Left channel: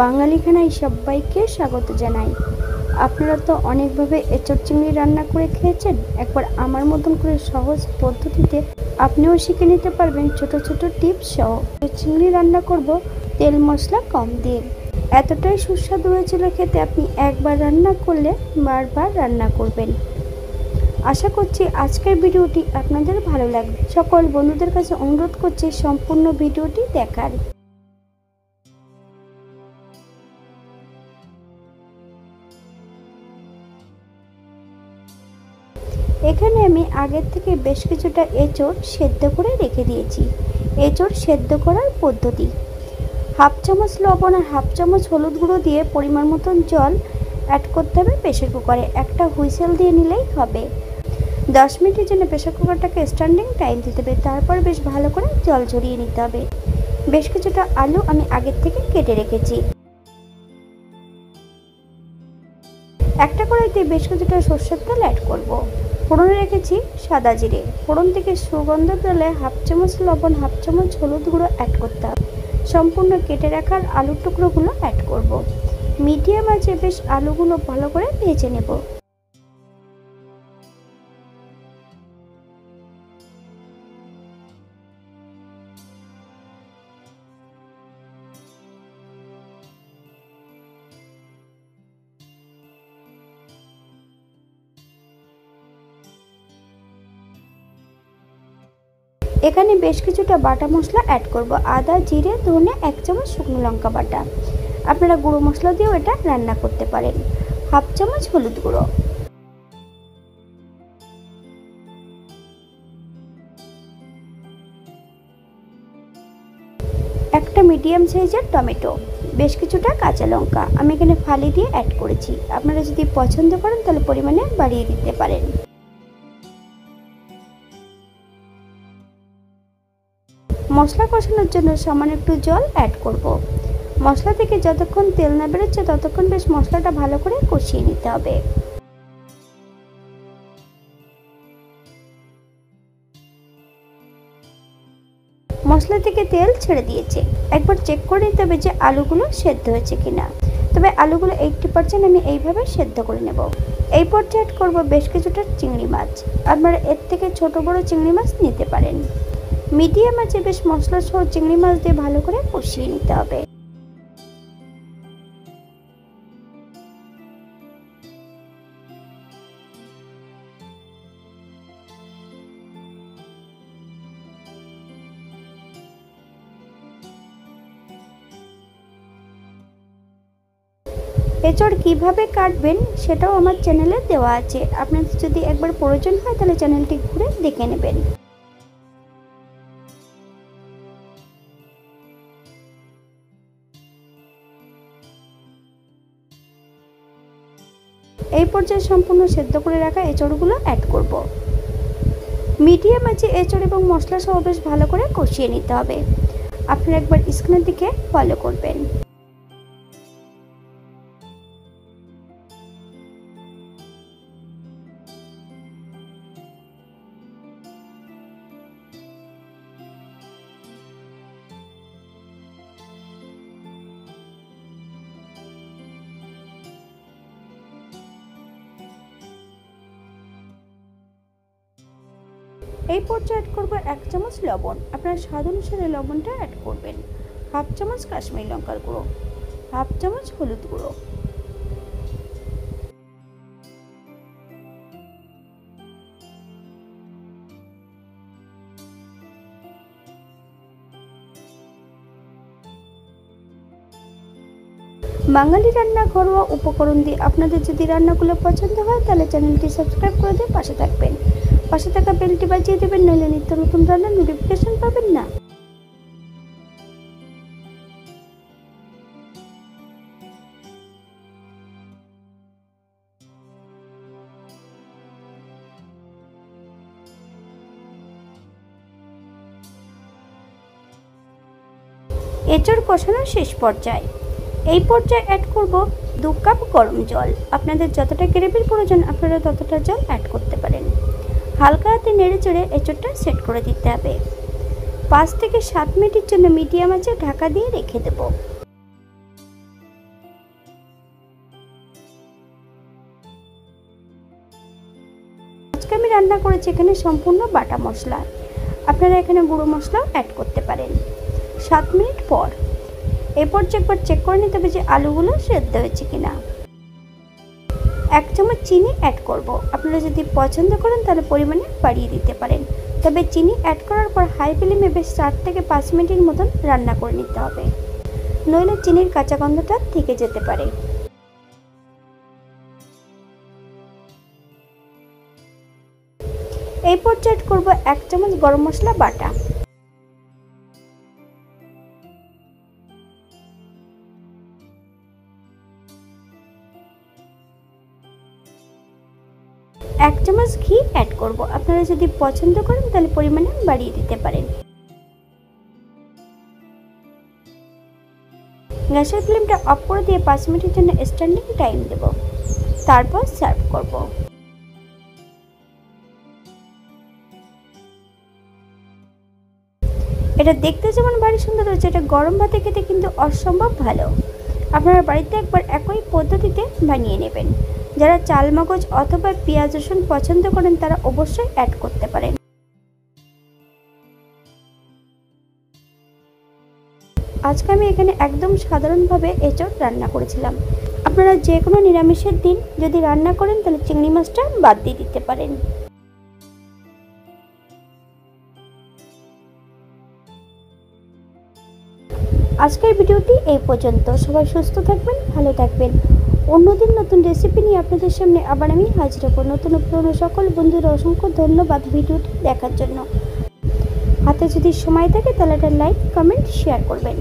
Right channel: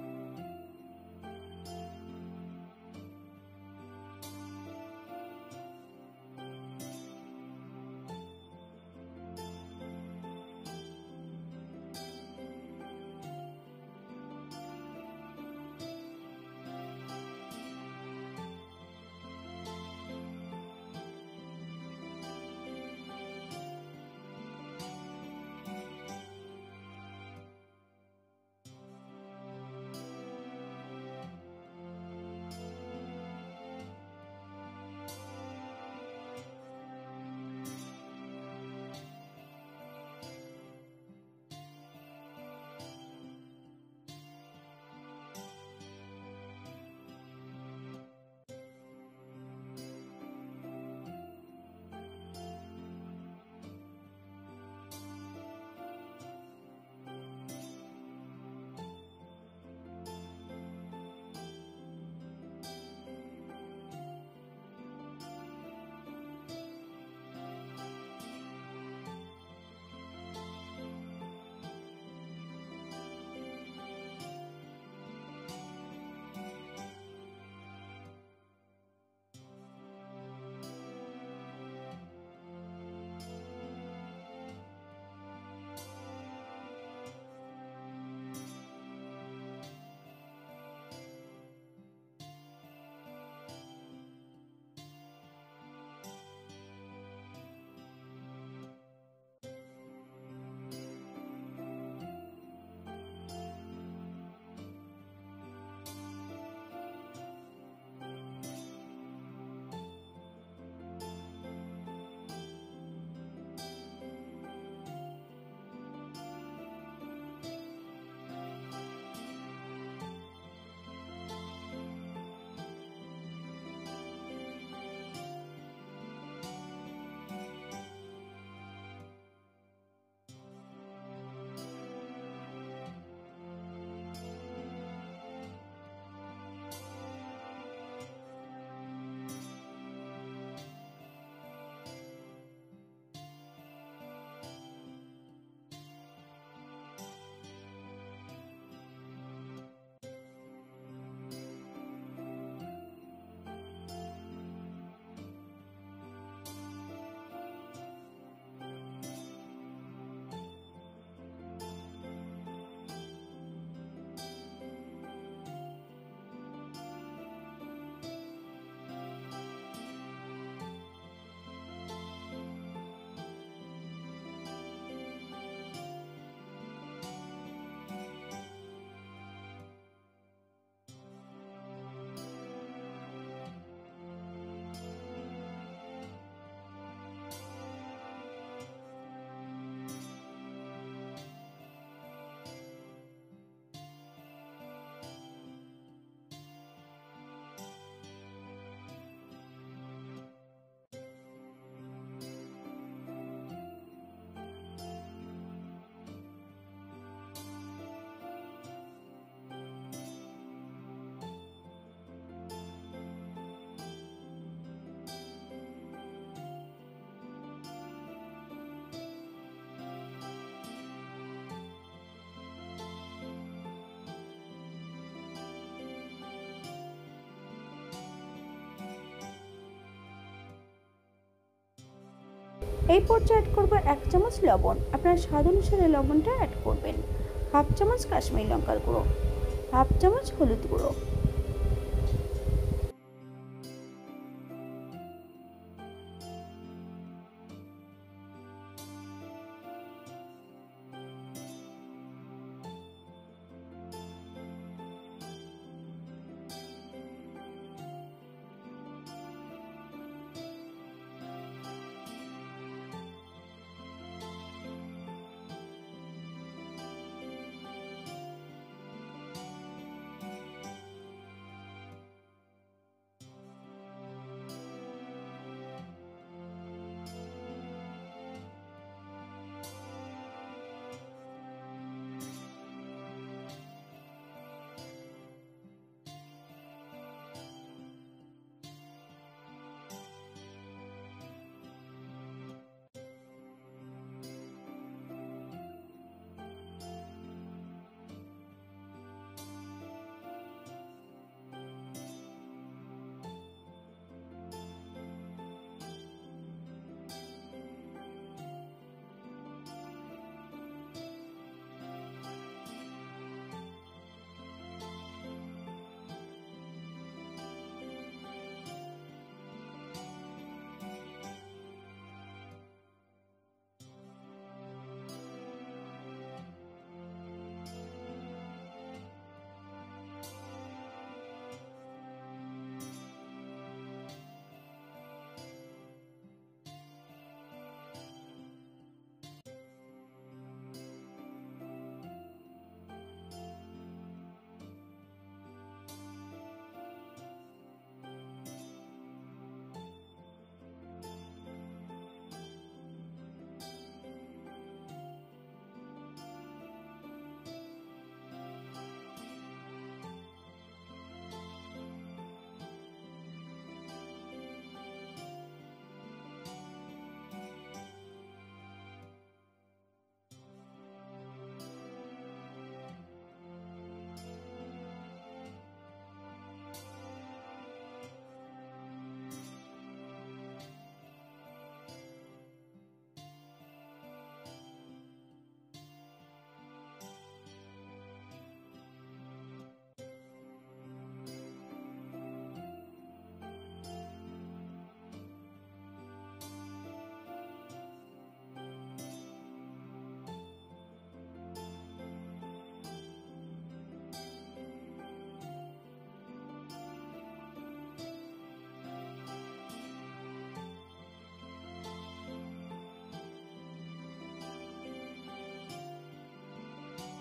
বাঙালি খানায় সবাইকে স্বাগত জানাই। আপনারা তো অনেকভাবে এঁচোড় চিংড়ি রান্না করে খেয়েছেন। একবার আমার মতন করে সহজ পদ্ধতিতে আপনিও শিখে নিতে পারবেন ছোট ছোট টিপস সহ। চিংড়ি রান্না করব তেল মশলা কম দিয়ে। এতটাই সুস্বাদু হয়েছিল খেতে, আপনি একবার রান্না করলে বারবার রান্না করবেন। আশা করছি আজকের ভিডিওটি আপনাদের ভালো লাগবে। সকল বন্ধুদের কাছে অনুরোধ করছি সম্পূর্ণ ভিডিওটি দেখার। এখানে আমি আগের থেকে বেশ কিছুটা এঁচোড় সেদ্ধ করে রেখে দিয়েছি। এঁচোড় সেদ্ধ করার পদ্ধতি: হাফ চামচ লবণ আর হাফ চামচ হলুদ গুঁড়ো দিয়ে পরিমাণ মতন জল অ্যাড করতে হবে প্রেসার কুকারে। একটা হুইসেল দিয়ে নিলেই হবে। 10 মিনিটের জন্য প্রেসার কুকারটাকে স্ট্যান্ডিং টাইম দিতে হবে। তারপর বেশ ভালো করে জল ঝরিয়ে নিতে হবে। বেশ কিছুটা আলু আমি আগের থেকে কেটে রেখেছি। একটা কড়াইতে বেশ কিছুটা সরষের তেল অ্যাড করব। ফোড়নে রেখেছি সাদা জিরে। ফোড়ন থেকে সুগন্ধ তুলে হাফ চামচ লবণ, হাফ চামচ হলুদ গুঁড়ো অ্যাড করতে হবে। সম্পূর্ণ কেটে রাখার আলুর টুকরোগুলো অ্যাড করব। মিডিয়াম আঁচে বেশ আলুগুলো ভালো করে ভেজে নেব। এখানে বেশ কিছুটা বাটা মশলা অ্যাড করব। আদা, জিরে, ধনে, 1 চামচ শুকনো লঙ্কা বাটা। আপনারা গুঁড়ো মশলা দিয়েও এটা রান্না করতে পারেন। হাফ চামচ হলুদ গুঁড়ো, একটা মিডিয়াম সাইজের টমেটো, বেশ কিছুটা কাঁচা লঙ্কা আমি এখানে ফালি দিয়ে অ্যাড করেছি। আপনারা যদি পছন্দ করেন তাহলে পরিমাণে বাড়িয়ে দিতে পারেন। মশলা কষানোর জন্য সামান্য একটু জল অ্যাড করব। মশলা থেকে যতক্ষণ তেল না বেরোচ্ছে ততক্ষণ বেশ মশলাটা ভালো করে কষিয়ে নিতে হবে। মশলা থেকে তেল ছেড়ে দিয়েছে। একবার চেক করে নিতে হবে যে আলুগুলো সেদ্ধ হয়েছে কিনা। তবে আলুগুলো 80% আমি এইভাবে সেদ্ধ করে নেব। এই পর্যায়ে অ্যাড করব বেশ কিছুটা চিংড়ি মাছ। আপনারা এর থেকে ছোট বড় চিংড়ি মাছ নিতে পারেন। মিডিয়াম আঁচে বেশ মশলা সহ চিংড়ি মাছ দিয়ে ভালো করে কষিয়ে নিতে হবে। এঁচোড় কিভাবে কাটবেন সেটাও আমার চ্যানেলে দেওয়া আছে। আপনাদের যদি একবার প্রয়োজন হয় তাহলে চ্যানেলটি ঘুরে দেখে নেবেন। এই পর্যায়ে সম্পূর্ণ সেদ্ধ করে রাখা এঁচোড়গুলো অ্যাড করব। মিডিয়াম আঁচে এঁচোড় এবং মশলা সহ বেশ ভালো করে কষিয়ে নিতে হবে। আপনারা একবার স্ক্রিনের দিকে ফলো করবেন। এই পর্যায়ে অ্যাড করব 1 চামচ লবণ। আপনারা স্বাদ অনুসারে লবণটা অ্যাড করবেন। হাফ চামচ কাশ্মীরি লঙ্কার গুঁড়ো, হাফ চামচ হলুদ গুঁড়ো, বাঙালি রান্না ঘরোয়া উপকরণ দিয়ে আপনাদের যদি রান্নাগুলো পছন্দ হয় তাহলে চ্যানেলটি সাবস্ক্রাইব করে দিয়ে পাশে থাকবেন। পাশে থাকা বেলটি বাজিয়ে দেবেন, নইলে নিত্য নতুন রান্নার নোটিফিকেশন পাবেন না। এঁচোড় কষানোর শেষ পর্যায়ে এই পর্যায়ে অ্যাড করব 2 কাপ গরম জল। আপনাদের যতটা গ্রেভির প্রয়োজন আপনারা ততটা জল অ্যাড করতে পারেন। হালকা হাতে নেড়ে চেড়ে এঁচোড়টা সেট করে দিতে হবে। 5 থেকে 7 মিনিটের জন্য মিডিয়াম আঁচে ঢাকা দিয়ে রেখে দেব। রান্না করেছি এখানে সম্পূর্ণ বাটা মশলা। আপনারা এখানে গুঁড়ো মশলাও অ্যাড করতে পারেন। 7 মিনিট পর এই পর্যায়ে একবার চেক করে নিতে হবে যে আলুগুলো সেদ্ধ হয়েছে কিনা। 1 চামচ চিনি অ্যাড করব। আপনারা যদি পছন্দ করেন তাহলে পরিমাণে বাড়িয়ে দিতে পারেন, তবে চিনি অ্যাড করার পর হাই ফ্লেমে বেশ 4 থেকে 5 মিনিটের মতন রান্না করে নিতে হবে, নইলে চিনির কাঁচা গন্ধটা থেকে যেতে পারে। এই পর্যায়ে অ্যাড করব 1 চামচ গরম মশলা বাটা। এক চামচ ঘি অ্যাড করব। আপনারা যদি পছন্দ করেন তাহলে পরিমাণে বাড়িয়ে দিতে পারেন। গ্যাসের ফ্লেমটা অফ করে দিয়ে 5 মিনিটের জন্য স্ট্যান্ডিং টাইম দেব, তারপর সার্ভ করব। এটা দেখতে যেমন ভারী সুন্দর হচ্ছে, এটা গরম ভাতে খেতে কিন্তু অসম্ভব ভালো। আপনারা বাড়িতে একবার একই পদ্ধতিতে বানিয়ে নেবেন। যারা চাল মগজ অথবা পেঁয়াজ রসুন পছন্দ করেন তারা অবশ্যই অ্যাড করতে পারেন। আজকে আমি এখানে একদম সাধারণভাবে এঁচড় রান্না করেছিলাম। আপনারা যে কোনো নিরামিষের দিন যদি রান্না করেন তাহলে চিংড়ি মাছটা বাদ দিয়ে দিতে পারেন। আজকের ভিডিওটি এই পর্যন্ত। সবাই সুস্থ থাকবেন, ভালো থাকবেন। অন্যদিন নতুন রেসিপি নিয়ে আপনাদের সামনে আবার আমি হাজির হব। নতুন পুরনো সকল বন্ধুরা অসংখ্য ধন্যবাদ ভিডিওটি দেখার জন্য। হাতে যদি সময় থাকে তাহলে একটা লাইক, কমেন্ট, শেয়ার করবেন।